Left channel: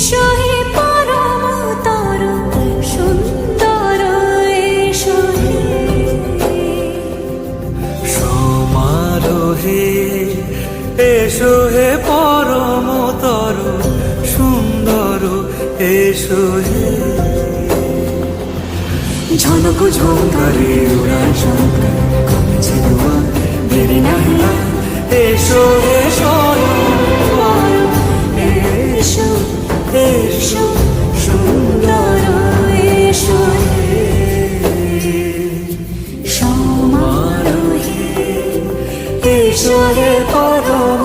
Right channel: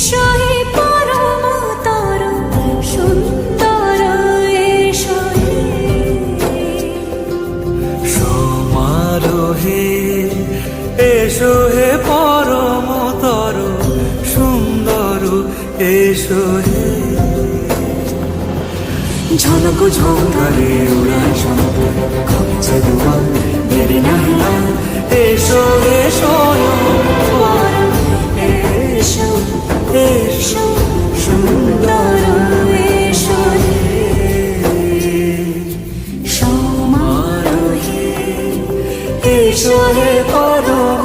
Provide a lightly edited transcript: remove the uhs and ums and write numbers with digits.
এসো হে পরমতর সুন্দর এসো হে সমারোহে এসো হে পরমতর সুন্দর এসো হে ঝনক ঝঙ্কারে উড়ায় শঙ্কর কমেছে দুয়ার দেরি নাহি আর এসো হে স্বয়ং পর এসো এসো সুন্দর এসো হে সমারোহে এসো হে পরম